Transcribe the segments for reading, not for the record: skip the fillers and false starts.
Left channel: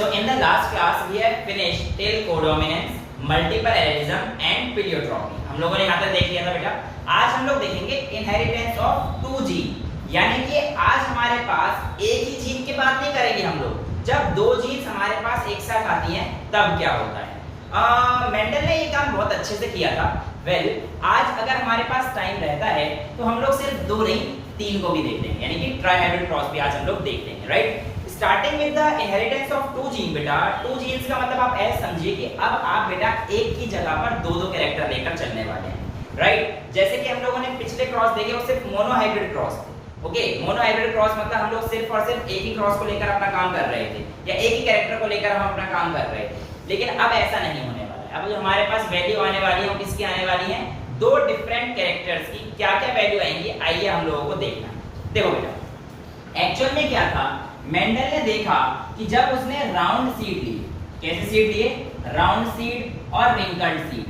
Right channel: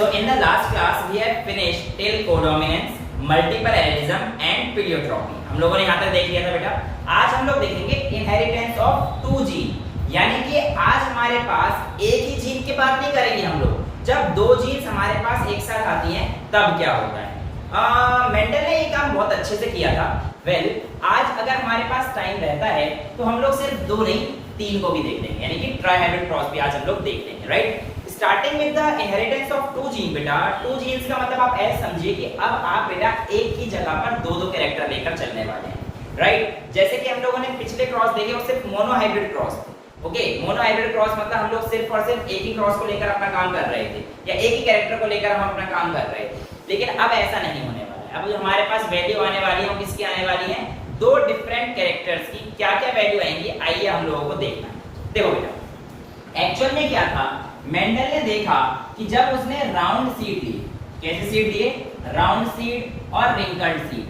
So in the last class we have finished till codominance, multiple allelism and pleiotropy. हम लोगों ने यहाँ तक देख लिया था बेटा। आज हम लोग देखेंगे इनहेरिटेंस ऑफ टू जीन, यानी कि आज हमारे पास एक ही जीन की बात नहीं करेंगे हम लोग। जब दो जीन्स हमारे पास एक साथ आती हैं तब क्या होता है। मेंडल ने ये काम बहुत अच्छे से किया था। आज अगर हमारे पास टाइम रहता है तो हम लोग सिर्फ दो नहीं तीन को भी देख लेंगे, यानी कि ट्राइहाइब्रिड क्रॉस भी आज हम लोग देख लेंगे, right. Starting with the inheritance of two gene बेटा। टू जीन्स का मतलब आप ऐसे समझिए कि अब आप बेटा एक ही जगह पर दो दो कैरेक्टर लेकर चलने वाले हैं, राइट। जैसे कि हम लोगों ने पिछले क्रॉस देखे वो सिर्फ monohybrid cross, okay. Monohybrid cross मतलब हम लोग सिर्फ और सिर्फ एक ही क्रॉस को लेकर अपना काम कर रहे थे, या एक ही कैरेक्टर को लेकर हम अपना काम कर रहे थे। लेकिन अब ऐसा नहीं होने वाला है। अब जो हमारे पास वैल्यू आने वाली है वो किसकी आने वाली है, दो डिफरेंट कैरेक्टर्स की। क्या क्या वैल्यू आएंगी आइए हम लोगों को देखना है। देखो बेटा, एक्चुअल में क्या था, मेंडल ने देखा कि जब उसने राउंड सीड ली, कैसे सीड लिए, राउंड सीड और रिंकल्ड सीड,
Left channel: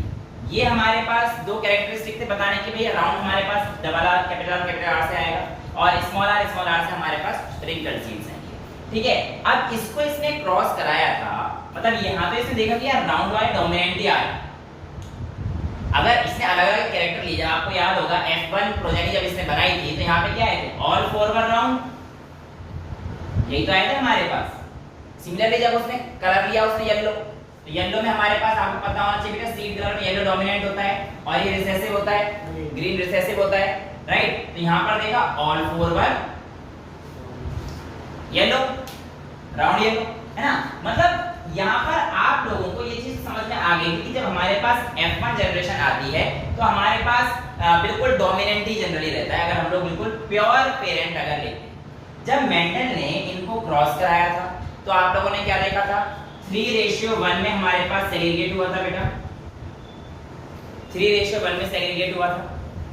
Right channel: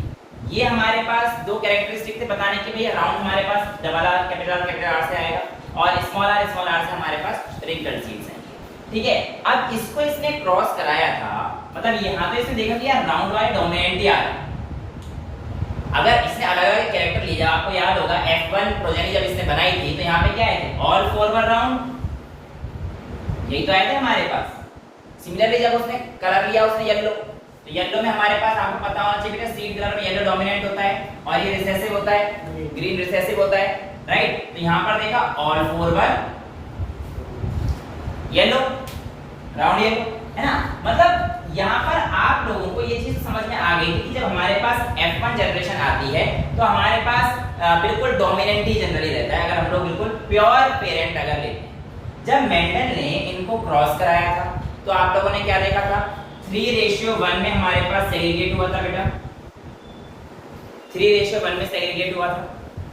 ये हमारे पास दो कैरेक्टरिस्टिक थे बताने के लिए। राउंड हमारे पास डबल आर कैपिटल आर से आएगा और स्मॉल आर से हमारे पास रिंकल्ड सीड्स हैं, ठीक है। अब इसको इसने क्रॉस कराया था, मतलब यहाँ पे इसने देखा कि यार राउंड वाले डोमिनेंट आ रहा है। अगर इसने अलग अलग कैरेक्टर लिया, आपको याद होगा F1 प्रोजेनी जब इसने बनाई थी तो यहाँ पे क्या आए थे, ऑल फॉरवर्ड राउंड, यही तो आए थे हमारे पास। सिमिलरली जब उसने कलर लिया उसने येलो, तो येलो में हमारे पास आपको पता होना चाहिए बेटा सीड कलर में येलो डोमिनेंट होता है और ये रिसेसिव होता है, ग्रीन रिसेसिव होता है, राइट। तो यहाँ पर देखा all forward yellow, round yellow, है ना। मतलब यहाँ पर आप लोगों को ये चीज समझ में आ गई कि जब हमारे पास F1 जनरेशन आती है तो हमारे पास बिल्कुल डोमिनेंट ही जनरली रहता है, अगर हम लोग बिल्कुल प्योर पेरेंट अगर लेते हैं। जब मेंडल ने इनको क्रॉस कराया था तो आप लोगों ने क्या देखा था, 3:1 में हमारे पास सेग्रीगेट हुआ था बेटा, 3:1 में सेग्रीगेट हुआ था,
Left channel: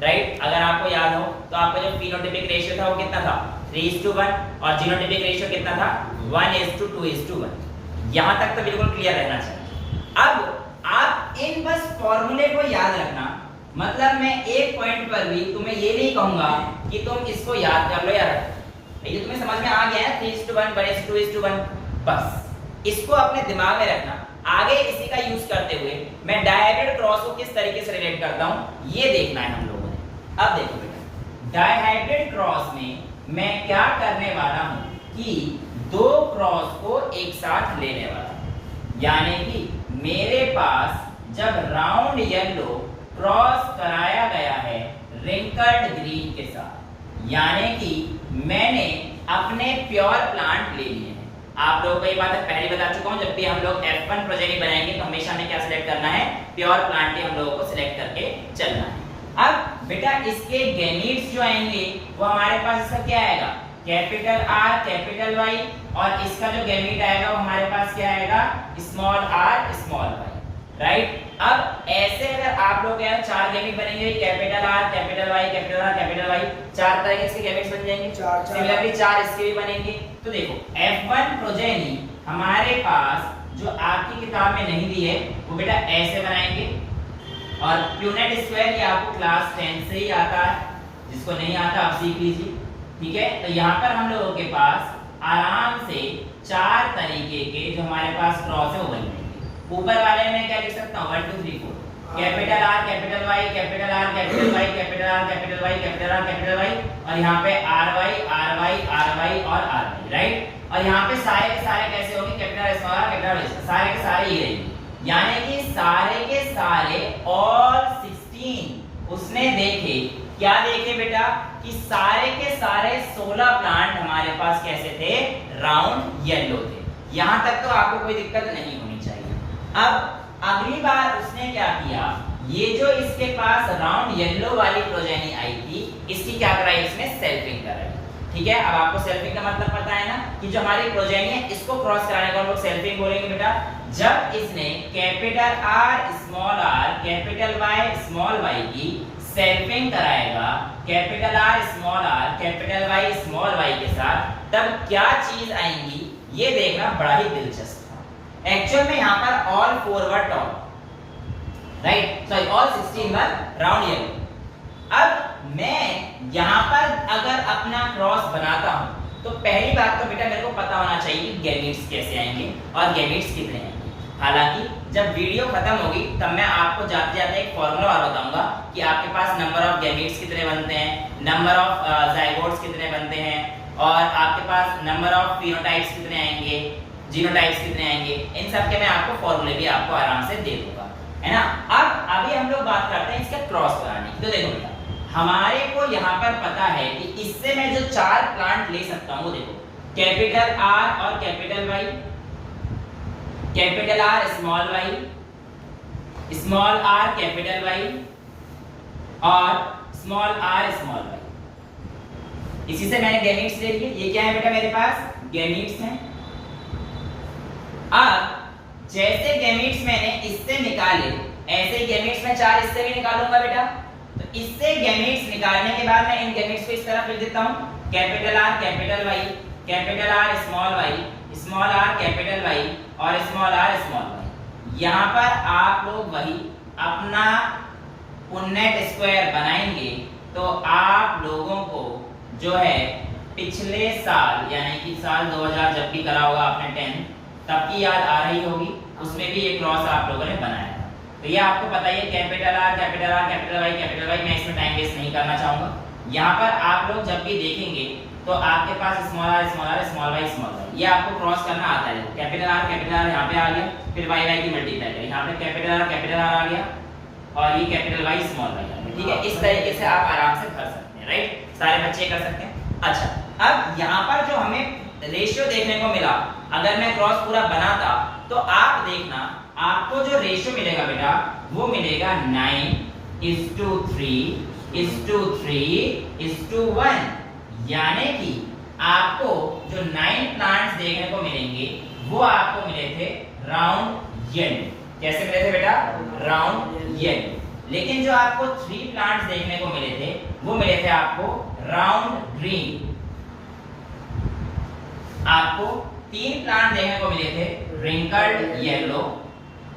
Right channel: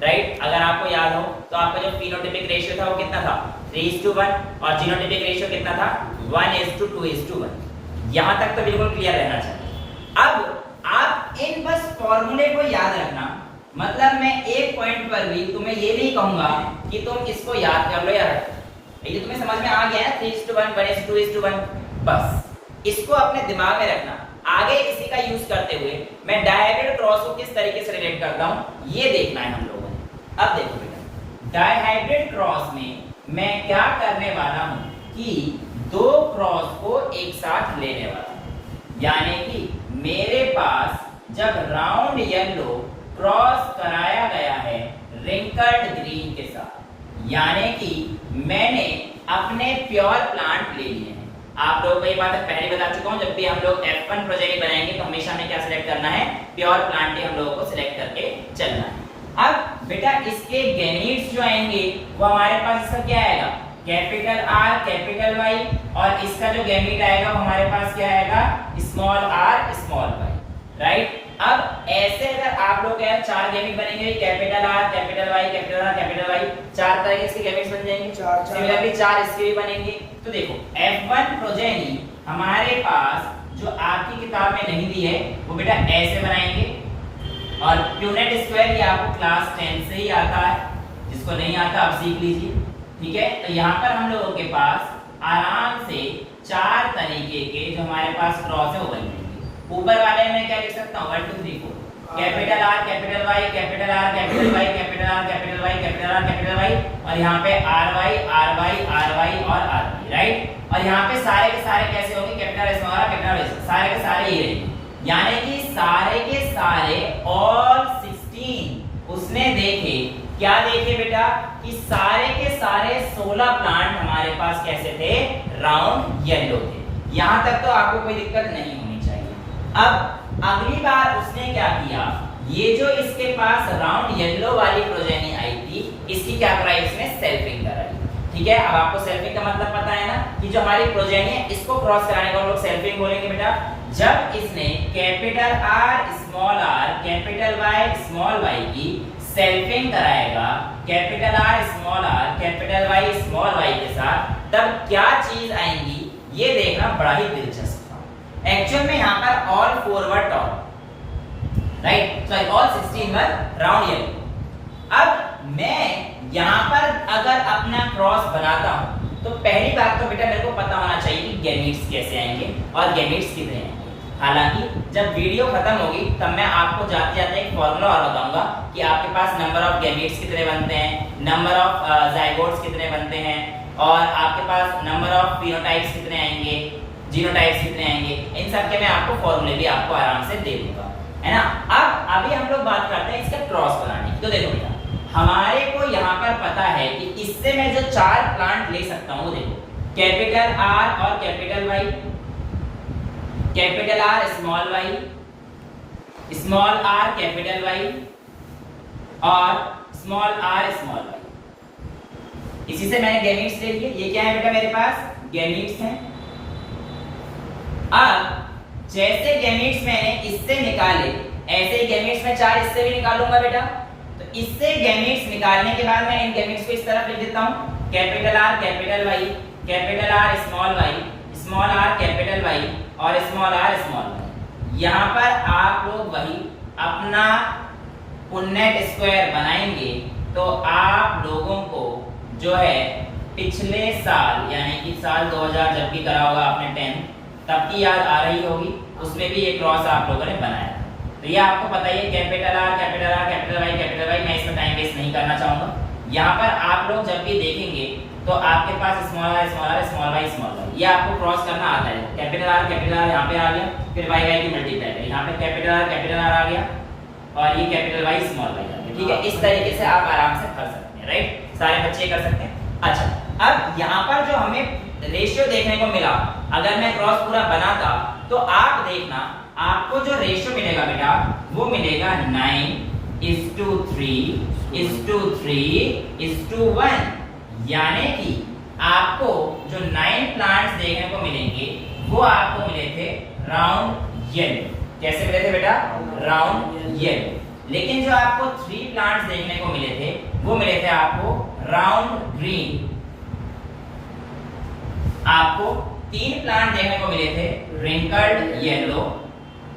राइट। अगर आपको याद हो तो आपका जो फिनोटाइपिक रेशियो था वो कितना था, 3:1, और जीनोटाइपिक रेशियो कितना था, 1:2:1। यहां तक तो बिल्कुल क्लियर रहना चाहिए। अब आप इन बस फॉर्मूले को याद रखना, मतलब मैं एक पॉइंट पर भी तुम्हें ये नहीं कहूंगा कि तुम इसको याद कर लो यार, ये तुम्हें समझ में आ गया है 3:1 1:2:1, बस इसको अपने दिमाग में रखना। आगे इसी का यूज करते हुए मैं डायहाइब्रिड क्रॉस को किस तरीके से रिलेट करता हूं ये देखना है हम लोगों ने। अब देखो बेटा, डायहाइब्रिड क्रॉस में मैं क्या करने वाला हूं कि दो क्रॉस को एक साथ लेने वाला हूं, यानी कि मेरे पास जब राउंड येलो क्रॉस कराया गया है रिंकल्ड ग्रीन के साथ, यानी कि मैंने अपने प्योर प्लांट ले लिए हैं। आप लोगों को ये बात पहले बता चुका हूं, जब भी हम लोग F1 प्रोजेनी बनाएंगे तो हमेशा हमें क्या सिलेक्ट करना है, प्योर प्लांट ही हम लोगों को सिलेक्ट करके चलना है। अब बेटा इसके गैमीट्स जो आएंगे वो हमारे पास इसका क्या आएगा, कैपिटल R कैपिटल Y, और इसका जो गैमीट आएगा वो हमारे पास क्या आएगा, small r small y, right. अब ऐसे अगर आप लोग क्या चार गैमीट बनेंगे, capital R capital Y capital R capital Y, चार तरह के इसके गैमीट्स बन जाएंगे। सिमिलरली चार इसके भी बनेंगे। तो देखो F1 प्रोजेनी हमारे पास जो आपकी किताब में नहीं दी है वो बेटा ऐसे बनाएंगे, और प्यूनेट स्क्वायर ये आपको क्लास 10 से ही आता है, जिसको नहीं आता आप सीख लीजिए, ठीक है। तो यहाँ पर हम लोगों के पास आराम से चार तरीके के जो हमारे पास क्रॉस है वो बन जाएंगे। ऊपर वाले में क्या लिख सकता हूँ, 1 2 3 4, capital R capital Y capital R capital Y capital R capital Y capital R capital Y, और यहाँ पे RY RY RY और RY, राइट। और यहाँ पे सारे के सारे कैसे होंगे, capital small r capital Y, सारे के सारे ये रहेंगे, यानी कि सारे के सारे ऑल 16 उसने देखे। क्या देखे बेटा कि सारे के सारे 16 प्लांट हमारे पास कैसे थे, राउंड येलो थे। यहां तक तो आपको कोई दिक्कत नहीं होनी चाहिए। अब अगली बार उसने क्या किया, ये जो इसके पास राउंड येलो वाली प्रोजेनी आई थी इसकी क्या कराई, उसने सेल्फिंग कराई, ठीक है। अब आपको सेल्फिंग का मतलब पता है ना, कि जो हमारी प्रोजेनी है इसको क्रॉस कराने को हम लोग सेल्फिंग बोलेंगे बेटा। जब इसने capital R small r capital Y small y की सेल्फिंग कराएगा capital R small r capital Y small y के साथ, तब क्या चीज आएंगी ये देखना बड़ा ही दिलचस्प था। एक्चुअल में यहाँ पर all forward top, right, sorry all 16 वर राउंड येलो। अब मैं यहाँ पर अगर अपना क्रॉस बनाता हूं तो पहली बात तो बेटा मेरे को पता होना चाहिए कि गैमेट्स कैसे आएंगे और गैमेट्स कितने आएंगे। हालांकि जब वीडियो खत्म होगी तब मैं आपको जाते जाते एक फॉर्मूला और बताऊंगा कि आपके पास नंबर ऑफ गैमेट्स कितने बनते हैं, नंबर ऑफ जाइगोट्स कितने बनते हैं, और आपके पास नंबर ऑफ फिनोटाइप्स कितने आएंगे, जीनोटाइप्स कितने आएंगे। इन सब के मैं आपको फॉर्मूले भी आपको आराम से दे दूंगा, है ना। अब अभी हम लोग बात करते हैं इसका क्रॉस बनाने की। तो देखो बेटा, हमारे को यहाँ पर पता है कि इससे मैं जो 4 प्लांट ले सकता हूँ, देखो कैपिटल आर और capital Y, capital R small Y, small R capital Y और स्मॉल आर स्मॉल वाई। इसी से मैंने गैमेट्स ले लिए। ये क्या है बेटा, मेरे पास गैमेट्स हैं। अब जैसे गैमेट्स मैंने इससे निकाले, ऐसे गैमेट्स मैं 4 इससे भी निकालूंगा बेटा। तो इससे गैमेट्स निकालने के बाद मैं इन गैमेट्स को इस तरफ लिख देता हूं, capital R capital Y, capital R small Y, small R capital Y और स्मॉल आर स्मॉल वाई। यहाँ पर आप लोग वही अपना पुन्नेट स्क्वायर बनाएंगे तो आप लोगों को जो है पिछले साल यानी कि साल 2000 जब भी करा होगा आपने 10 तब की याद आ रही होगी, उसमें भी ये क्रॉस आप लोगों ने बनाया था। तो ये आपको पता ही है, capital R capital R capital Y capital Y. मैं इसमें टाइम वेस्ट नहीं करना चाहूंगा। यहाँ पर आप लोग जब भी देखेंगे तो आपके पास small R small R small Y small Y, ये आपको क्रॉस करना आता है। कैपिटल आर यहाँ पे आ गया, फिर वाई वाई की मल्टीप्लाई करें, यहाँ पे कैपिटल आर आ गया और ये कैपिटल वाई स्मॉल वाई आ गया। ठीक है, इस तरीके से आप आराम से कर सकते हैं, राइट। सारे बच्चे कर सकते हैं। अच्छा, अब यहाँ पर जो हमें रेशियो देखने को मिला, अगर मैं क्रॉस पूरा बनाता तो आप देखना आपको जो रेशियो मिलेगा बेटा वो मिलेगा 9:3:3:1, यानी कि आपको जो 9 प्लांट्स देखने को मिलेंगे वो आपको मिले थे राउंड येलो। कैसे मिले थे बेटा? Round yellow. लेकिन जो आपको 3 प्लांट्स देखने को मिले थे वो मिले थे आपको राउंड ग्रीन। आपको 3 प्लांट देखने को मिले थे रिंकल्ड येलो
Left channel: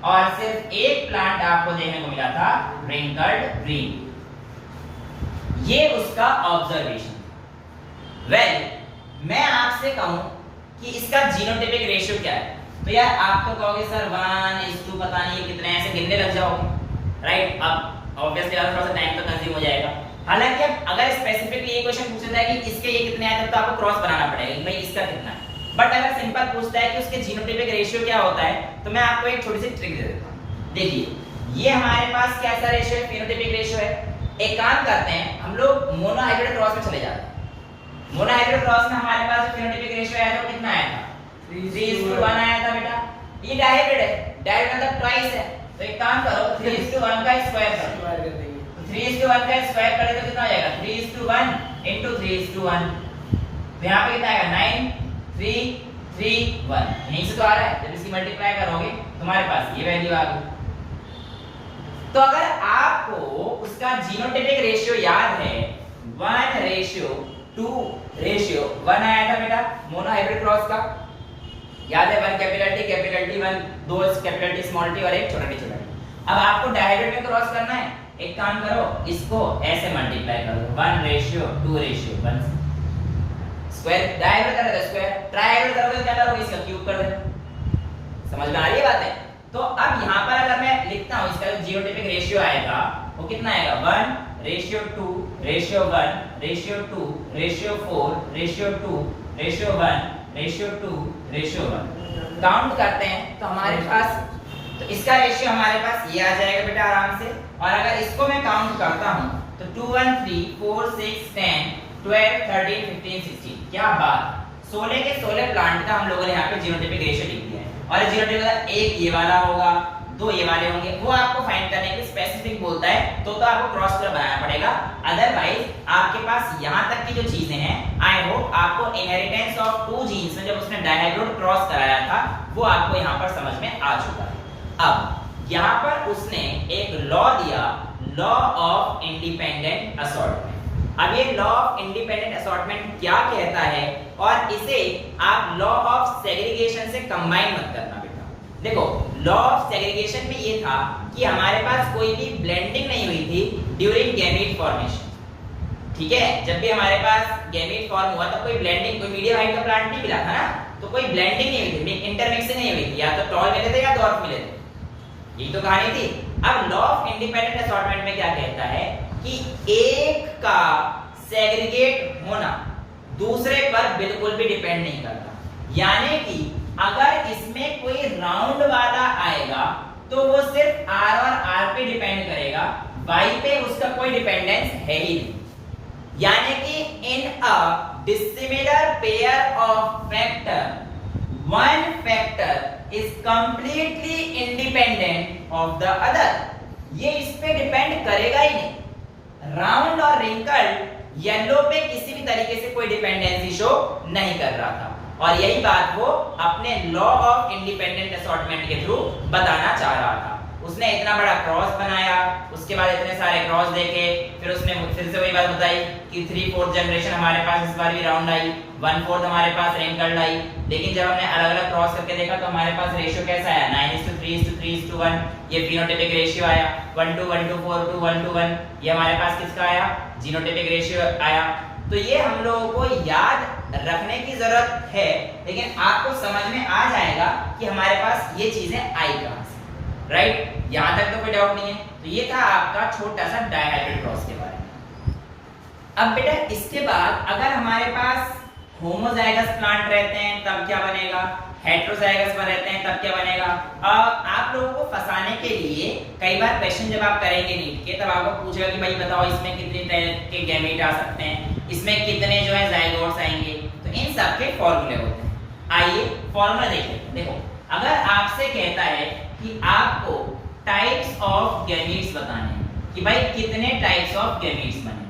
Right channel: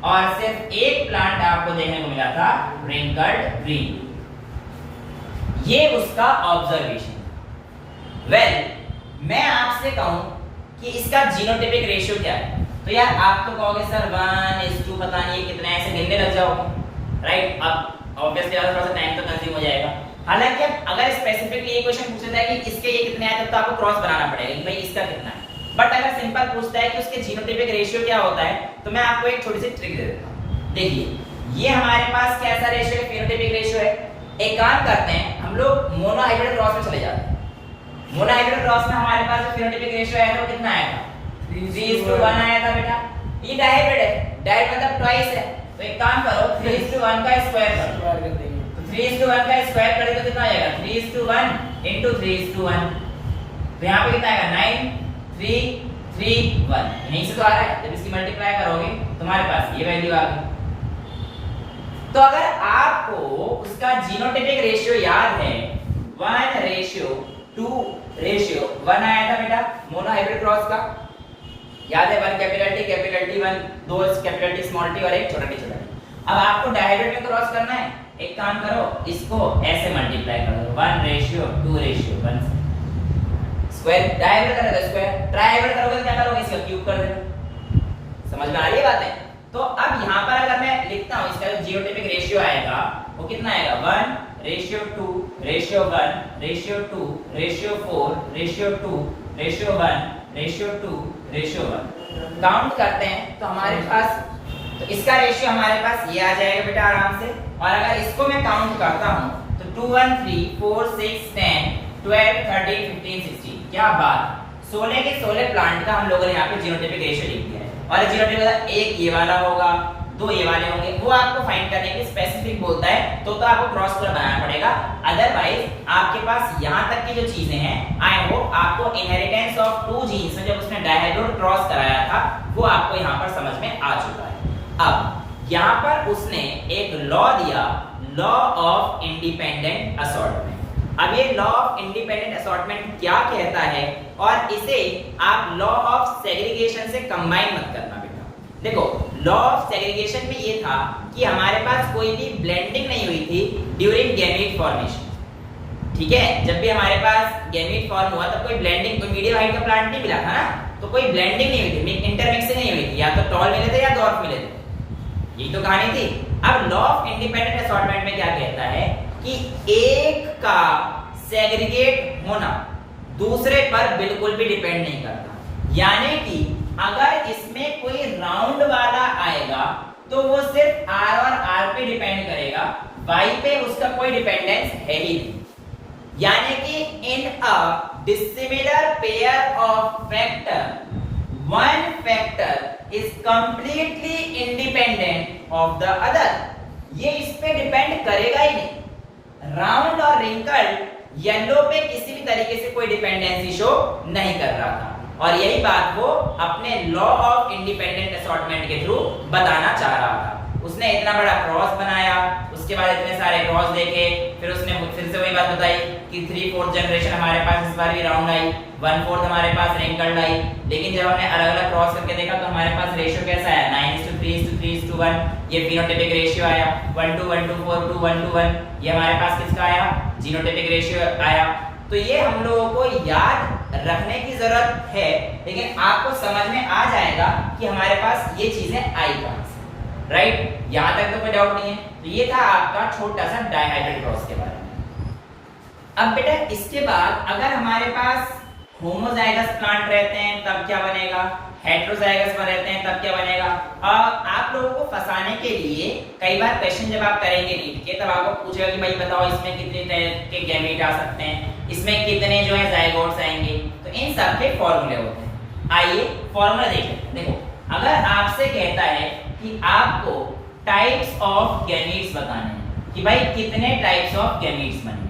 और सिर्फ 1 प्लांट आपको देखने को मिला था रिंकल्ड ग्रीन। ये उसका ऑब्जर्वेशन। मैं आपसे कहूं कि इसका जीनोटाइपिक रेशियो क्या है, तो यार आप तो कहोगे सर 1:2 पता नहीं कितना, ऐसे गिनने लग जाओगे, राइट। अब ऑब्वियसली थोड़ा सा टाइम तो कंज्यूम हो जाएगा। हालांकि अगर स्पेसिफिकली ये क्वेश्चन पूछता है कि इसके ये कितने आए तो आपको क्रॉस बनाना पड़ेगा कि भाई इसका कितना है। बट अगर सिंपल पूछता है कि उसके जीनोटाइपिक रेशियो क्या होता है तो मैं आपको एक छोटी सी ट्रिक दे देता हूं। देखिए, ये हमारे पास कैसा रेशियो है, फेनोटाइपिक रेशियो है। एक काम करते हैं, हम लोग मोनोहाइब्रिड क्रॉस में चले जाते हैं। मोनोहाइब्रिड क्रॉस में हमारे पास जो फेनोटाइपिक रेशियो आया था वो कितना आया था? 3:1 आया था बेटा। ये डायहाइब्रिड है, डायहाइब्रिड मतलब ट्वाइस है। तो एक काम करो, 3:1 का स्क्वायर करो, स्क्वायर कर देंगे। तो 3:1 का स्क्वायर करें तो कितना आ जाएगा? 3:1 * 3:1। तो यहाँ पे कितना आएगा? 9 3 3 1। यहीं से तो आ रहा है। जब इसकी मल्टीप्लाई करोगे तुम्हारे पास ये वैल्यू आ गई। तो अगर आपको उसका जीनोटाइपिक रेशियो याद है 1:2:1 आया था बेटा मोनोहाइब्रिड क्रॉस का, याद है? 1 capital T 1, 2 capital T small t और एक छोटा t। अब आपको डायहाइब्रिड में क्रॉस करना है। एक काम करो, इसको ऐसे मल्टीप्लाई करो 1:2:1 स्क्वायर। डायहाइब्रिड करोगे तो स्क्वायर, ट्राइहाइब्रिड करोगे तो क्या करोगे? इसका क्यूब कर देना। समझ में आ रही है बात है? तो अब यहाँ पर अगर मैं लिखता हूँ इसका जो जीनोटाइपिक रेशियो आएगा वो कितना आएगा? 1:2:1:4:2:1:1 काउंट करते हैं तो हमारे पास, तो इसका रेशियो हमारे पास ये आ जाएगा बेटा आराम से। और अगर इसको मैं काउंट करता हूँ तो 2 1 3 4 6 10 12 13 15 16। क्या बात, 16 के 16 प्लांट का हम लोगों ने यहाँ पे जीनोटाइपिक रेशियो लिख दिया है। और जीनोटाइपिक मतलब एक ये वाला होगा, 2 ये वाले होंगे, वो आपको फाइंड करने के स्पेसिफिक बोलता है तो आपको क्रॉस पूरा बनाना पड़ेगा। अदरवाइज आपके पास यहाँ तक की जो चीजें हैं, आई होप आपको इनहेरिटेंस ऑफ 2 जीन्स में जब उसने डायहाइब्रिड क्रॉस कराया था वो आपको यहाँ पर समझ में आ चुका है। अब यहाँ पर उसने एक लॉ दिया, लॉ ऑफ इंडिपेंडेंट असॉर्टमेंट। अब ये लॉ ऑफ इंडिपेंडेंट असॉर्टमेंट क्या कहता है, और इसे आप लॉ ऑफ सेग्रीगेशन से कंबाइन मत करना बेटा। देखो, लॉ ऑफ सेग्रीगेशन में ये था कि हमारे पास कोई भी ब्लेंडिंग नहीं हुई थी ड्यूरिंग गैमेट फॉर्मेशन। ठीक है, जब भी हमारे पास गैमेट फॉर्म हुआ तब कोई ब्लेंडिंग, कोई मीडियम हाइट का प्लांट नहीं मिला था ना, तो कोई ब्लेंडिंग नहीं हुई थी, इंटरमिक्सिंग नहीं हुई थी, या तो टॉल मिले थे या डॉर्फ मिले थे, यही तो कहानी थी। अब लॉ ऑफ इंडिपेंडेंट असॉर्टमेंट में क्या कहता है कि एक का सेग्रीगेट होना दूसरे पर बिल्कुल भी डिपेंड नहीं करता, यानी कि अगर इसमें कोई राउंड वाला आएगा तो वो सिर्फ R और R पे डिपेंड करेगा, Y पे उसका कोई डिपेंडेंस है ही नहीं, यानी कि in a dissimilar pair of factor one factor is completely independent of the other, ये इस पे डिपेंड करेगा ही नहीं। राउंड और रिंकल्ड येलो पे किसी भी तरीके से कोई डिपेंडेंसी शो नहीं कर रहा था, और यही बात वो अपने लॉ ऑफ इंडिपेंडेंट असॉर्टमेंट के थ्रू बताना चाह रहा था। उसने इतना बड़ा क्रॉस बनाया, उसके बाद इतने सारे क्रॉस देखे, फिर उसने फिर से वही बात बताई कि 3/4 जनरेशन हमारे पास इस बार भी राउंड आई, 1/4 हमारे पास रिंकल्ड आई, लेकिन जब हमने अलग अलग क्रॉस करके देखा तो हमारे पास रेशियो कैसा आया, 9:3:3:1, ये फिनोटाइपिक रेशियो आया, 1:1:4:1:1, ये हमारे पास किसका आया, जीनोटाइपिक रेशियो आया। तो ये हम लोगों को याद रखने की जरूरत है, लेकिन आपको समझ में आ जाएगा कि हमारे पास ये चीजें आई कहां से, राइट? यहां तक तो कोई डाउट नहीं है। तो ये था आपका छोटा सा डायहाइड्रल क्रॉस के बारे में। अब बेटा इसके बाद अगर हमारे पास होमोजाइगस प्लांट रहते हैं तब क्या बनेगा, हेटेरोजाइगस में रहते हैं तब क्या बनेगा। आप लोगों को फंसाने के लिए कई बार क्वेश्चन जब आप करेंगे नीट के तब आपको पूछेगा कि भाई बताओ इसमें कितने तरह के गैमेट आ सकते हैं, इसमें कितने जो है जाइगोट्स आएंगे, तो इन सब के फॉर्मूले होते हैं। आइए फॉर्मूला देख लेते हैं। देखो अगर आपसे कहता है कि आपको टाइप्स ऑफ गैमेट्स बताने हैं कि भाई कितने टाइप्स ऑफ गैमेट्स बनेंगे,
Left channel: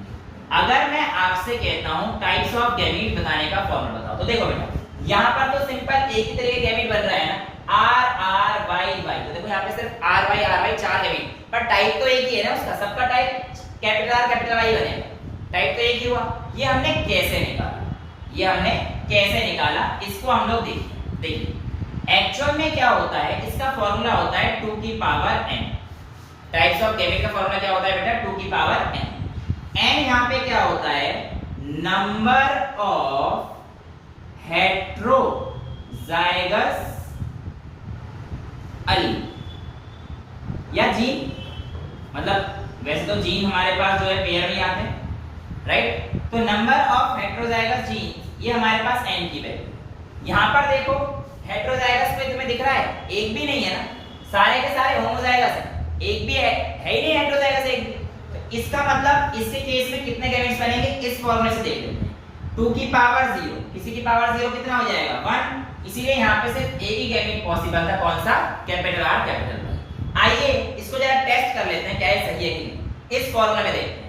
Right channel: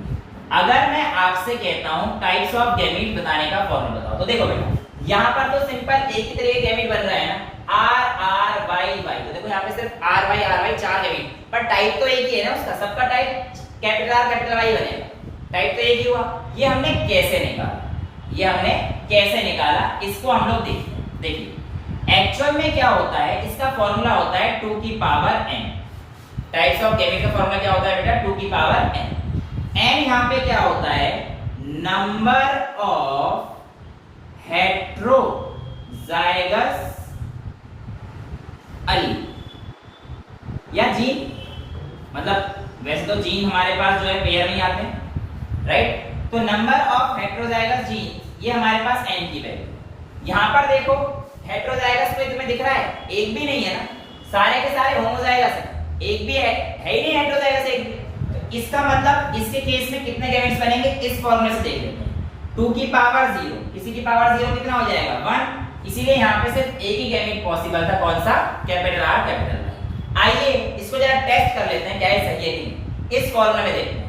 अगर मैं आपसे कहता हूं टाइप्स ऑफ गैमेट बताने का फॉर्मूला बताओ, तो देखो बेटा यहां पर तो सिंपल एक ही तरह के गैमेट बन रहा है ना, RRY, तो देखो यहां पे सिर्फ RY चार गैमेट, पर टाइप तो एक ही है ना उसका, सबका type capital R capital Y बनेगा, टाइप तो एक ही हुआ। ये हमने कैसे निकाला, इसको हम लोग देखिए एक्चुअल में क्या होता है, इसका फॉर्मूला होता है 2 की power n। Types of gamete का फॉर्मूला क्या होता है बेटा, 2 की पावर n। n यहां पे क्या होता है, नंबर ऑफ हेटेरोजाइगस अलील या जीन, मतलब वैसे तो जीन हमारे पास जो है पेयर नहीं आते, राइट? तो नंबर ऑफ हेटेरोजाइगस जीन ये हमारे पास n की वैल्यू। यहां पर देखो हेटेरोजाइगस में तुम्हें दिख रहा है एक भी नहीं है ना, सारे के सारे होमोजाइगस हैं, एक भी है ही नहीं हेटेरोजाइगस एक भी। तो इसका मतलब इसके केस में कितने गैमेट्स बनेंगे, इस फॉर्मूले से देख लेते हैं। 2 की पावर 0, किसी की पावर 0 कितना हो जाएगा 1, इसीलिए यहाँ पे सिर्फ एक ही गैमेट पॉसिबल था, कौन सा, कैपिटल R कैपिटल Y। आइए इसको जरा टेस्ट कर लेते हैं क्या ये सही है कि नहीं। इस फॉर्मूला में देखते हैं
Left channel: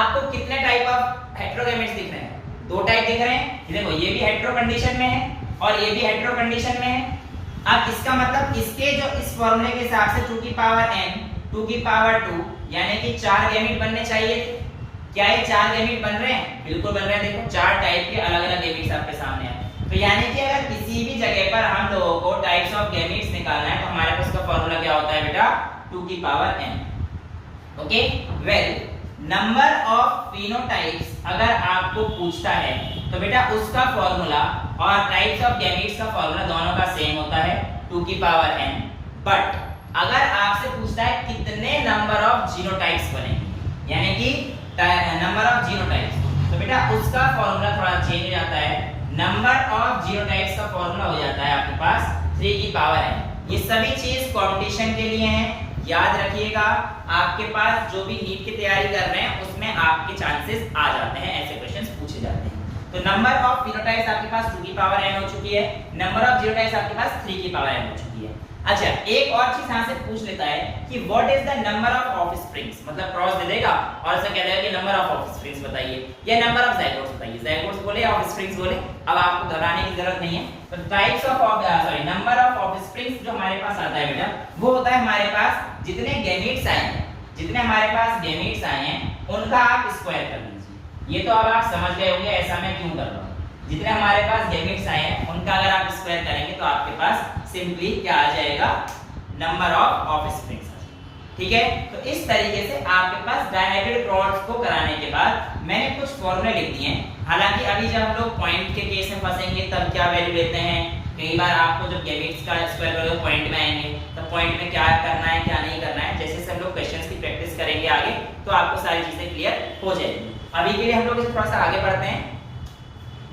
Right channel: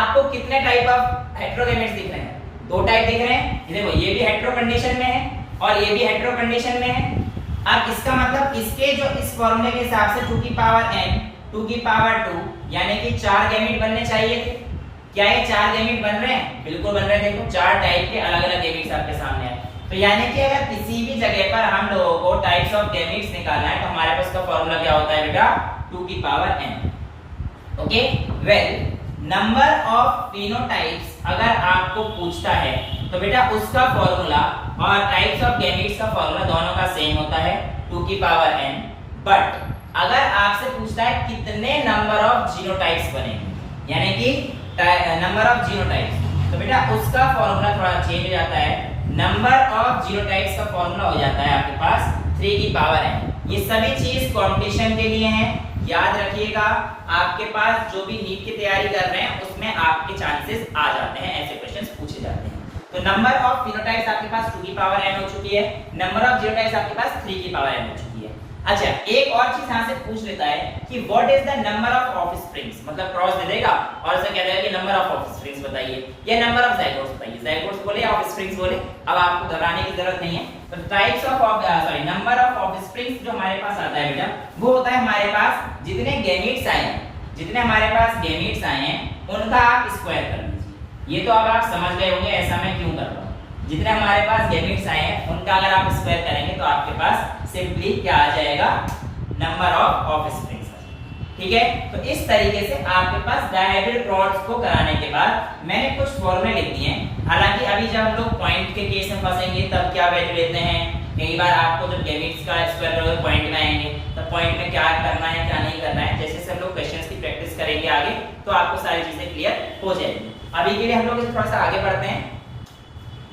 आपको कितने टाइप ऑफ हेटेरोगैमेट्स दिख रहे हैं, 2 टाइप दिख रहे हैं। देखो ये भी हेटेरो कंडीशन में है और ये भी हेटेरो कंडीशन में है। अब इसका मतलब इसके जो इस फॉर्मूले के हिसाब से 2 की पावर n 2 की पावर 2 यानी कि 4 गैमेट बनने चाहिए थे। क्या ये 4 गैमेट बन रहे हैं, बिल्कुल बन रहे हैं। देखो 4 टाइप के अलग अलग गैमेट्स आपके सामने हैं। तो यानी कि अगर किसी भी जगह पर हम लोगों को टाइप्स ऑफ गैमेट्स निकालना है तो हमारे पास का फॉर्मूला क्या होता है बेटा, 2 की power n। Okay, well number of phenotypes अगर आपको पूछता है तो बेटा उसका फॉर्मूला और टाइप्स ऑफ गैमेट्स का फॉर्मूला दोनों का सेम होता है, 2 की पावर n। बट अगर आपसे पूछता है कितने नंबर ऑफ जीनोटाइप्स बनेंगे, यानी कि नंबर ऑफ जीनोटाइप्स, तो बेटा उसका फॉर्मूला थोड़ा चेंज हो जाता है। नंबर ऑफ जीनोटाइप्स का फॉर्मूला हो जाता है आपके पास 3 की पावर n। ये सभी चीज कंपटीशन के लिए हैं, याद रखिएगा। आपके पास जो भी नीट की तैयारी कर रहे हैं उसमें आपके चांसेस आ जाते हैं, ऐसे क्वेश्चंस पूछे जाते हैं। तो नंबर ऑफ फिनोटाइप्स आपके पास 2 की पावर n हो चुकी है, नंबर ऑफ जीनोटाइप्स आपके पास 3 की पावर n हो चुकी है। अच्छा, एक और चीज यहां से पूछ लेता है कि what is the number of offsprings, मतलब क्रॉस दे देगा और से कह देगा कि नंबर ऑफ ऑफस्प्रिंग्स बताइए या नंबर ऑफ जाइगोट्स बताइए। जाइगोट्स बोले या ऑफस्प्रिंग्स बोले, अब आपको घबराने की जरूरत नहीं है। तो types of number of offsprings जो हमारे पास आता है बेटा, वो होता है हमारे पास जितने गैमेट्स आए हैं, जितने हमारे पास गैमेट्स आए हैं उनका आप स्क्वायर कर लीजिए। ये तो अब आप समझ गए होंगे ऐसा मैं क्यों कर रहा हूं। जितने हमारे पास गैमेट्स आए हैं उनका अगर आप स्क्वायर करेंगे तो आपके पास सिंपली क्या आ जाएगा, नंबर ऑफ ऑफस्प्रिंग्स। ठीक है। तो इस तरीके से आपके पास डायहाइब्रिड क्रॉस को कराने के बाद मैंने कुछ फॉर्मूले लिख दिए हैं। हालांकि अभी जब हम लोग पॉइंट के केस में फंसेंगे तब क्या वैल्यू लेते हैं, कई बार आपको जब गैमेट्स का स्क्वायर पॉइंट में आएंगे तो पॉइंट में क्या करना है क्या नहीं करना है, जैसे हम लोग क्वेश्चंस की प्रैक्टिस करेंगे आगे तो आपको सारी चीजें क्लियर हो जाएगी। अभी के लिए हम लोग थोड़ा सा आगे बढ़ते हैं।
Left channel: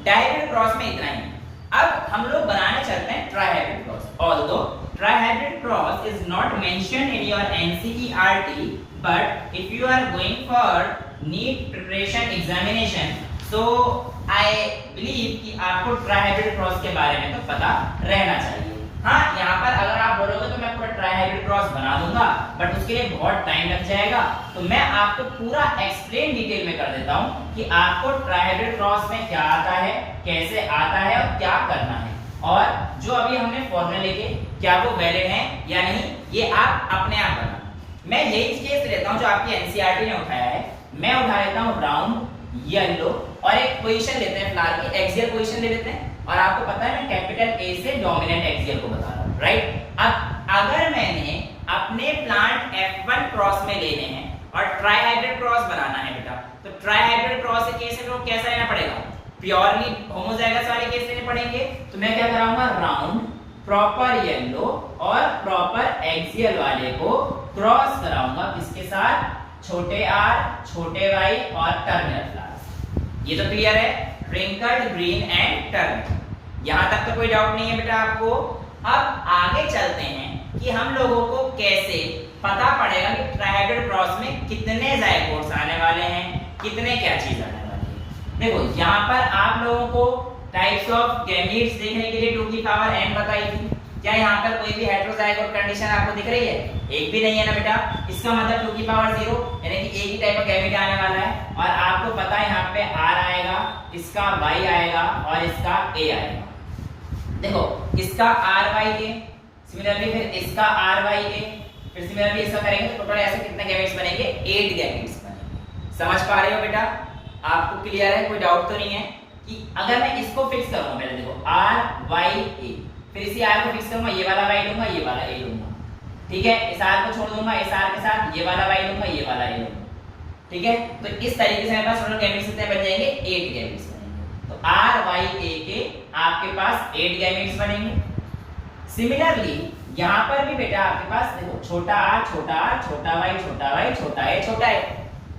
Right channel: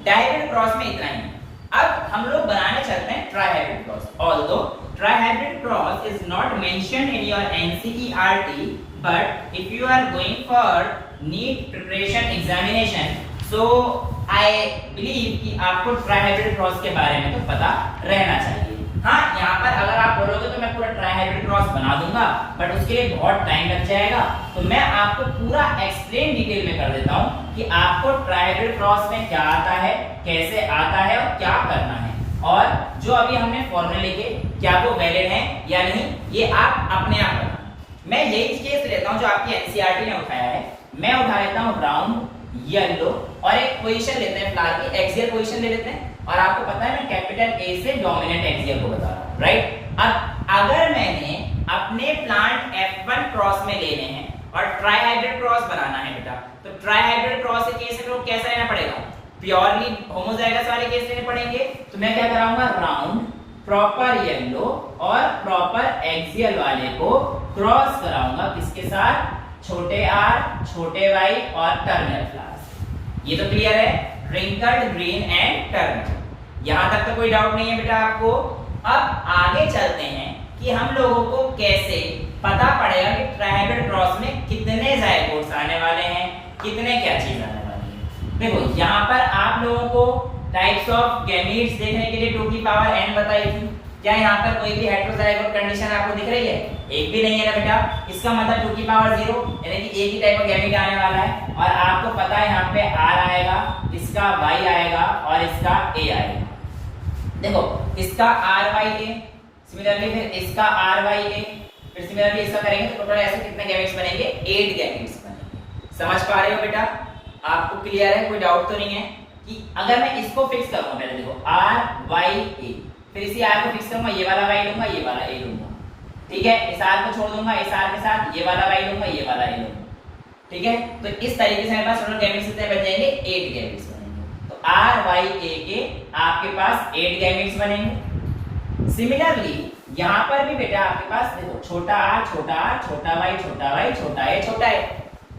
डायहाइब्रिड क्रॉस में इतना ही। अब हम लोग बनाने चलते हैं trihybrid cross. Although trihybrid cross is not mentioned in your NCERT, but if you are going for NEET preparation examination, so I believe कि आपको ट्राइहाइब्रिड क्रॉस के बारे में तो पता रहना चाहिए। हाँ, यहाँ पर अगर आप बोलोगे तो मैं पूरा ट्राइहाइब्रिड क्रॉस बना दूंगा, बट उसके लिए बहुत टाइम लग जाएगा। तो मैं आपको पूरा एक्सप्लेन डिटेल में कर देता हूँ कि आपको ट्राइहाइब्रिड क्रॉस में क्या आता है, कैसे आता है और क्या करना है, और जो अभी हमने फॉर्मूले लिखे क्या वो वैलिड हैं या नहीं, ये आप अपने आप करना। मैं यही केस लेता हूँ जो आपकी एनसीईआरटी ने उठाया है। मैं उठा लेता हूँ राउंड, येलो और एक पोजीशन लेते हैं फिलहाल की एक्सियल पोजीशन ले लेते हैं। और आपको पता है मैं कैपिटल ए से डोमिनेंट एक्सियल को बता रहा हूं, राइट। अब अगर मैंने अपने प्लांट F1 क्रॉस में लेने हैं और ट्राइहाइब्रिड क्रॉस बनाना है बेटा, तो ट्राइहाइब्रिड क्रॉस के केस में कैसा लेना पड़ेगा, प्योरली होमोजाइगस वाले केस लेने पड़ेंगे। तो मैं क्या कराऊंगा, राउंड, प्रॉपर येलो और प्रॉपर एक्सियल वाले को क्रॉस कराऊंगा किसके साथ, छोटे आर, छोटे वाई और टर्मिनल फ्लावर्स। ये तो क्लियर है, ट्विंकल्ड ग्रीन एंड टर्मिनल। यहां तक तो कोई डाउट नहीं है बेटा आपको। अब आगे चलते हैं कि हम लोगों को कैसे पता पड़ेगा कि ट्राइहाइब्रिड क्रॉस में कितने जायगोट्स आने वाले हैं, कितने क्या चीज आने वाली है। देखो यहाँ पर आप लोगों को टाइप्स ऑफ गैमीट्स देखने के लिए 2 की पावर n बताई थी। क्या यहाँ पर कोई भी हेटेरोजाइगोट कंडीशन आपको दिख रही है? एक भी नहीं है ना बेटा। इसका मतलब 2 की पावर 0 यानी कि एक ही टाइप का गैमीट आने वाला है। और आपको पता है यहाँ पे r आएगा, इसका y आएगा और इसका a आएगा। देखो इसका ry a, सिमिलरली फिर इसका ry a, फिर सिमिलरली इसका करेंगे तो टोटल ऐसे कितने गैमीट्स बनेंगे, 8 गैमीट्स बनेंगे। समझ पा रहे हो बेटा? आपको क्लियर है, कोई डाउट तो नहीं है कि अगर मैं इसको फिक्स करूंगा, पहले देखो ry a, फिर इसी r को फिक्स करूंगा, ये वाला y लूंगा, ये वाला a लूंगा, ठीक है। इस r को छोड़ दूंगा, इस r के साथ ये वाला y लूंगा, ये वाला a लूंगा, ठीक है। तो इस तरीके से मेरे पास टोटल गैमीट्स कितने बन जाएंगे, 8 गैमीट्स बनेंगे। तो ry a के आपके पास 8 गैमीट्स बनेंगे। सिमिलरली यहाँ पर भी बेटा आपके पास देखो छोटा r, छोटा r, छोटा y, छोटा y, छोटा a, छोटा a,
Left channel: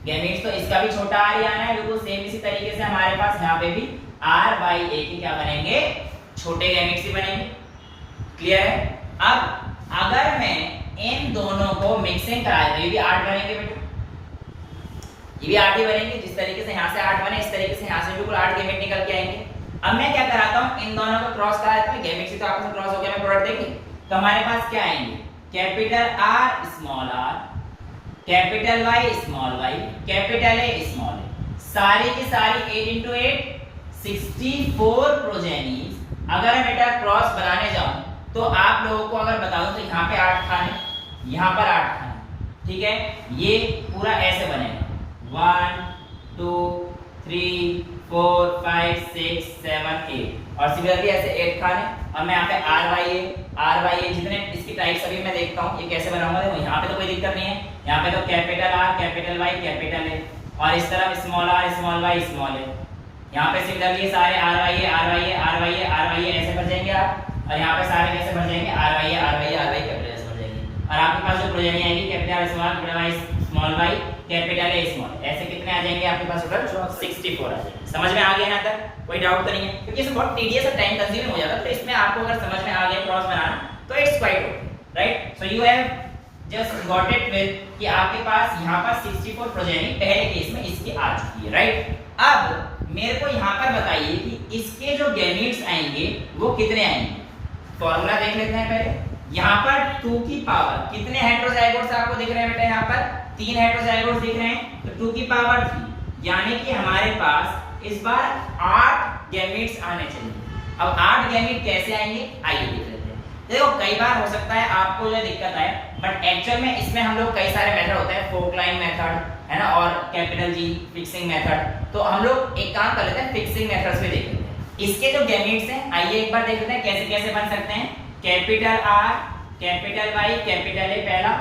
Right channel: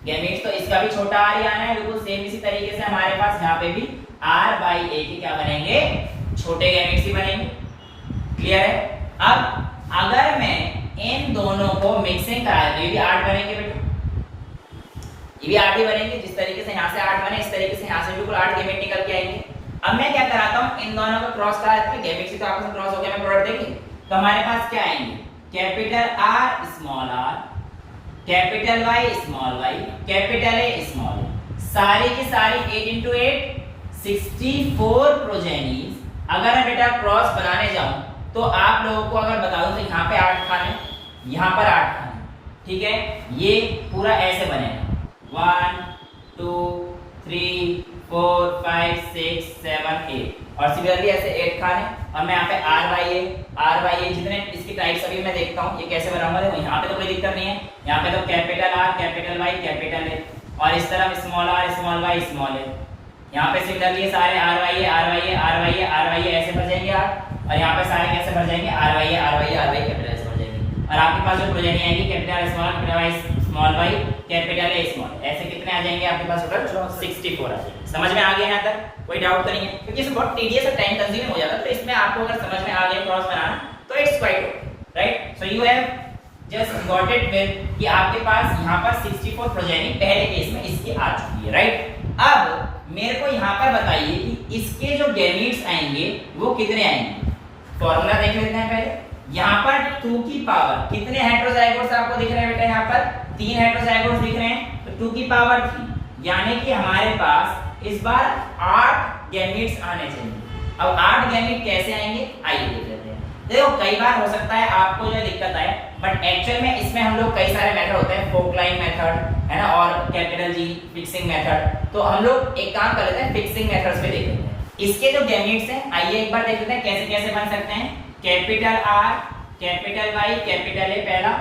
गैमीट्स तो इसका भी छोटा r ही आना है। बिल्कुल सेम इसी तरीके से हमारे पास यहाँ पे भी r a के क्या बनेंगे, छोटे गैमीट्स ही बनेंगे। क्लियर है? अब अगर मैं इन दोनों को मिक्सिंग करा दूं, ये भी 8 बनेंगे बेटा, ये भी 8 ही बनेंगे। जिस तरीके से यहाँ से 8 बने, इस तरीके से यहाँ से बिल्कुल 8 गैमेट निकल के आएंगे। अब मैं क्या कराता हूँ, इन दोनों को क्रॉस करा देता हूँ, गैमेट से तो आपस में क्रॉस हो गया, मैं प्रोडक्ट देंगे तो हमारे पास क्या आएंगे, capital R small r, capital Y small y, capital A small a, सारी की सारी 8 into 8 64 प्रोजेनीज। अगर मैं बेटा क्रॉस बनाने जाऊं तो आप लोगों को अगर बता दूं तो यहाँ पे 8 खाने, यहाँ पर 8 खाने, ठीक है। ये पूरा ऐसे बनेगा 1 2 3 4 5 6 7 8 और सिमिलरली ऐसे 8 खाने। और मैं यहाँ पे ry a जितने इसकी टाइप्स अभी मैं देखता हूँ ये कैसे बनाऊंगा। देखो यहाँ पे तो कोई दिक्कत नहीं है, यहाँ पे तो capital R, capital Y, capital A और इस तरफ small r, small y, small a। यहाँ पे सिमिलरली सारे ry a ऐसे भर जाएंगे आप, और यहाँ पे सारे कैसे भर जाएंगे, ry a कैपिटल ऐसे भर जाएंगे। और आपके पास जो प्रोजेनी आएगी capital small, capital Y small y, capital A small, ऐसे कितने आ जाएंगे आपके पास टोटल 64 आ जाएंगे। समझ में आ गया यहाँ तक? कोई डाउट तो नहीं है? क्योंकि इसमें बहुत टीडियस और टाइम कंज्यूमिंग हो जाता है, तो इसमें आपको अगर समझ में आ गया क्रॉस बनाना तो it's quite right. So you have just got it with कि आपके पास यहाँ पर 64 प्रोजेनी पहले केस में इसकी आ चुकी है, राइट। अब मेरे को यहाँ पर बताइए कि इसके जो गैमीट्स आएंगे वो कितने आएंगे। फॉर्मूला देख लेते हैं पहले। यहाँ पर 2 की पावर कितने हेटेरोजाइगोट्स आपको दिख रहे हैं बेटा, यहाँ पर 3 हेटेरोजाइगोट्स दिख रहे हैं, तो 2 की पावर 3 यानी कि हमारे पास इस बार 8 गैमीट्स आने चाहिए। अब 8 गैमीट कैसे आएंगे आइए देख लेते हैं। देखो कई बार हो सकता है आपको जो दिक्कत आए, बट एक्चुअल में इसमें हम लोग कई सारे मेथड होते हैं, फोकलाइन मेथड है ना, और कैपिटल G फिक्सिंग मेथड। तो हम लोग एक काम कर लेते हैं, फिक्सिंग मेथड्स पे देख लेते हैं। इसके जो गैमीट्स हैं आइए एक बार देख लेते हैं कैसे कैसे बन सकते हैं। Capital R, capital Y, capital A पहला,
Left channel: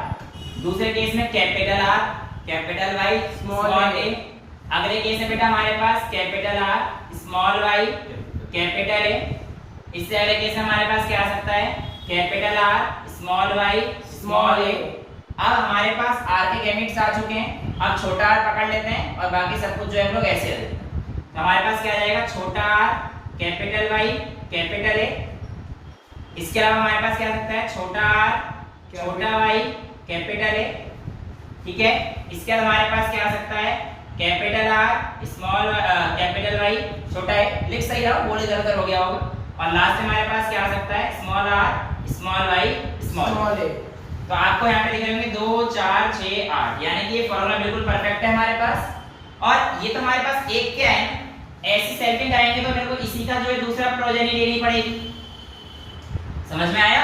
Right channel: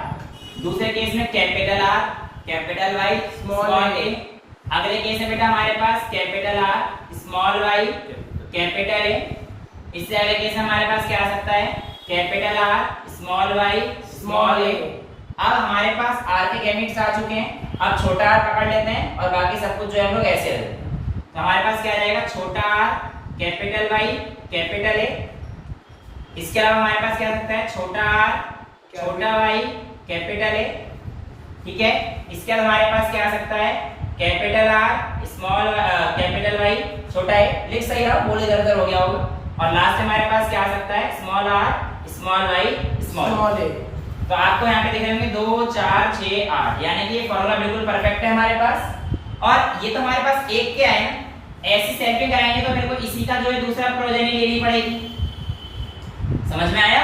दूसरे केस में capital R, capital Y, small A. अगले केस में बेटा हमारे पास capital R, small Y, capital A. इससे अगले केस में हमारे पास क्या आ सकता है, capital R, small Y, small A. अब हमारे पास आर के गैमेट्स आ चुके हैं। अब छोटा आर पकड़ लेते हैं और बाकी सब कुछ जो है हम लोग ऐसे रखते हैं। तो हमारे पास क्या आ जाएगा, छोटा R, capital Y, capital A. इसके अलावा हमारे पास क्या आ सकता है, छोटा आर, छोटा वाई, कैपिटल ए। ठीक है। इसके अलावा हमारे पास क्या आ सकता है, capital R, small capital Y, छोटा ए। लिख सही रहा हूं, बोल इधर उधर हो गया होगा। और लास्ट में हमारे पास क्या आ सकता है, small R, small Y, small A. तो आपको यहाँ पे दिख रहे होंगे 2 4 6 8, यानी कि ये फॉर्मूला बिल्कुल परफेक्ट है हमारे पास। और ये तो हमारे पास एक क्या है, ऐसी सेल्फिंग कराएंगे तो मेरे को इसी का जो है दूसरा प्रोजेनी लेनी पड़ेगी। समझ में आया?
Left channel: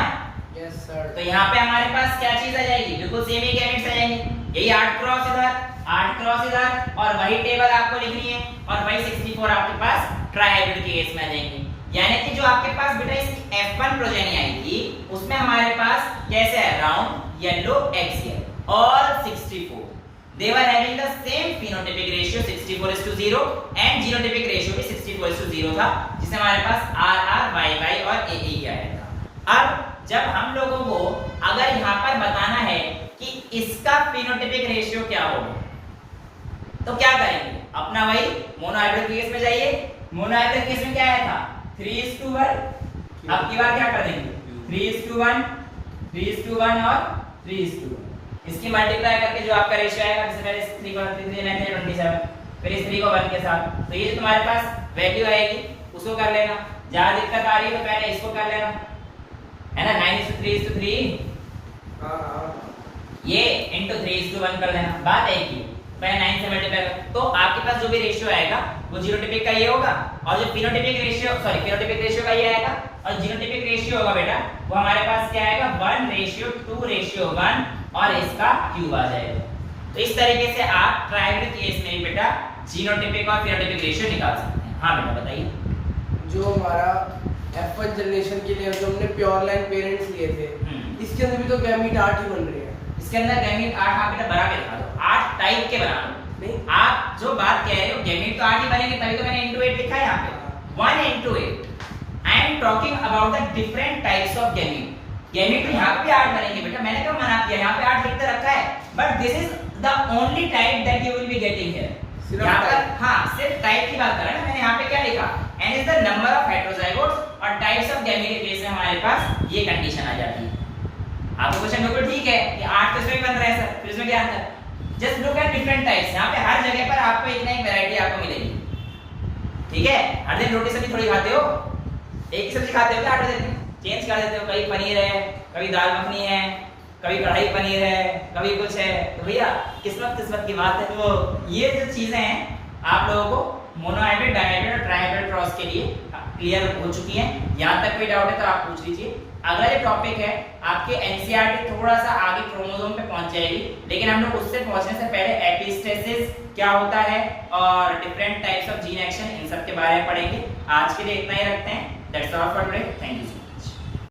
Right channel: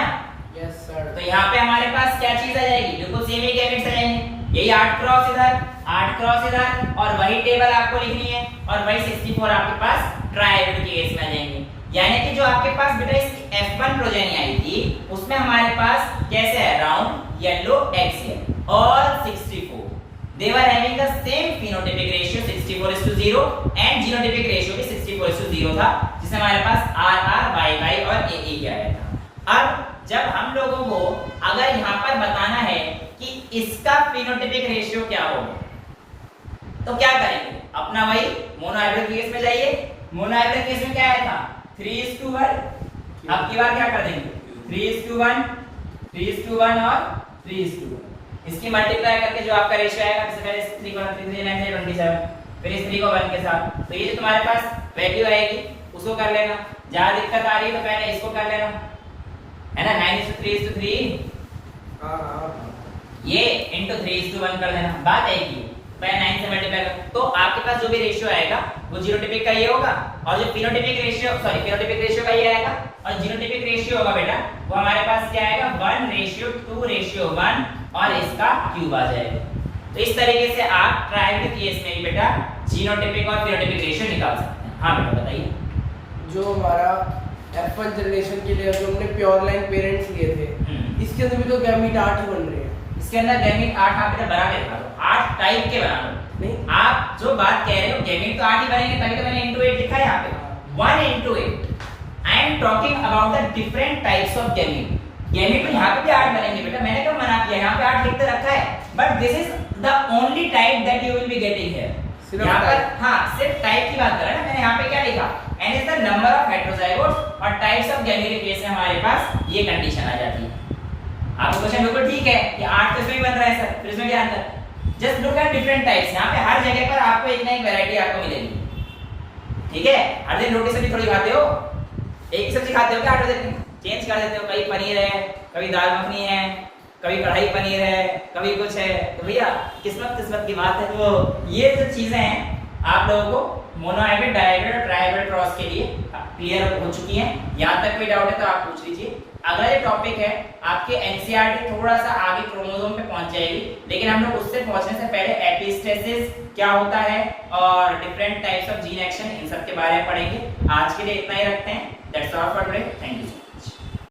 Yes sir. तो यहाँ पे हमारे पास क्या चीज आ जाएगी, बिल्कुल सेम ही गैमेट्स आ जाएंगे। यही 8 क्रॉस इधर, 8 क्रॉस इधर, और वही टेबल आपको लिखनी है, और वही 64 आपके पास ट्राइहेड्रल के केस में आ जाएंगे। यानी कि जो आपके पास बेटा इसकी F1 प्रोजेनी आई थी, उसमें हमारे पास कैसे है, राउंड, येलो, एक्सियल और 64। They were having the same phenotypic ratio 64:0 and genotypic ratio भी 64:0 था, जिससे हमारे पास RR, YY और AA आया था। अब जब हम लोगों को अगर यहाँ पर बताना है कि इसका फिनोटाइपिक रेशियो क्या होगा, तो क्या करेंगे, अपना वही मोनोहाइब्रिड केस में जाइए। मोनोहाइब्रिड केस में क्या आया था, 3:1। अब की बार क्या कर देंगे, 3:1, 3:1 और 3:1। इसकी मल्टीप्लाई करके जो आपका रेशियो आएगा, जैसे पहले 3 को 3 फिर इस 3 को 1 के साथ, तो ये जो तुम्हारे पास वैल्यू आएगी उसको कर लेना। ज्यादा दिक्कत आ रही है तो पहले इसको कर लेना, है ना, 9:3:3। ये into 3:1 कर लेना, बात एक ही। पहले 9 से मल्टीप्लाई कर, तो आपके पास जो भी रेशियो आएगा वो जीनोटाइपिक का ये होगा, और जो phenotypic ratio, sorry phenotypic ratio का ये आएगा, और जीनोटाइपिक रेशियो होगा बेटा वो हमारे पास क्या आएगा, 1:2:1, और इसका क्यूब आ जाएगा। तो इस तरीके से आप ट्राइहेड्रल केस में भी बेटा जीनोटाइपिक और फिनोटाइपिक रेशियो निकाल सकते हैं। हाँ बेटा बताइए। जो हमारा F1 जनरेशन के लिए जो हमने प्योर लाइन पेरेंट्स लिए थे, इसके अंदर भी तो गैमीट 8 ही बन रहे हैं। इसके अंदर गैमीट 8 आप बेटा बना के दिखा दो, 8 टाइप के बना दो। नहीं, आप जो बात कह रहे हो गैमीट तो 8 ही बनेंगे, तभी तो मैंने into 8 लिखा है यहाँ पे, 1:8। I am talking about the different types of gamete. Gamete तो यहाँ पे भी 8 बनेंगे बेटा, मैंने कब मना किया, यहाँ पे 8 लिख के रखा है, but this is the only type that you will be getting here. यहाँ पर हाँ सिर्फ टाइप की बात कर रहे हैं, मैंने यहाँ पे क्या लिखा, and is the number of heterozygotes और टाइप्स ऑफ गैमीट के केस में हमारे पास ये कंडीशन आ जाती है। आपको क्वेश्चन बिल्कुल ठीक है कि 8 तो इसमें भी बन रहा है सर, फिर इसमें क्या अंतर, just look at different types. यहाँ पे हर जगह पर आपको एक ना एक वैरायटी आपको मिलेगी। ठीक है, हर दिन रोटी सब्जी थोड़ी खाते हो, एक ही सब्जी खाते हो क्या, 8 दिन चेंज कर देते हो, कभी पनीर है, कभी दाल मखनी है, कभी कढ़ाई पनीर है, कभी कुछ है। तो भैया किस्मत किस्मत की बात है। तो ये जो चीजें हैं आप लोगों को मोनोहाइब्रिड, डायहाइब्रिड और ट्राइहाइब्रिड क्रॉस के लिए क्लियर हो चुकी हैं। यहाँ तक कोई डाउट है तो आप पूछ लीजिए। अगला जो टॉपिक है आपके एनसीईआरटी थोड़ा सा आगे क्रोमोसोम पे पहुंच जाएगी, लेकिन हम लोग उससे पहुंचने से पहले एपिस्टेसिस क्या होता है और different types of gene action, इन सब के बारे में पढ़ेंगे। आज के लिए इतना ही रखते हैं। That's all for today, thank you.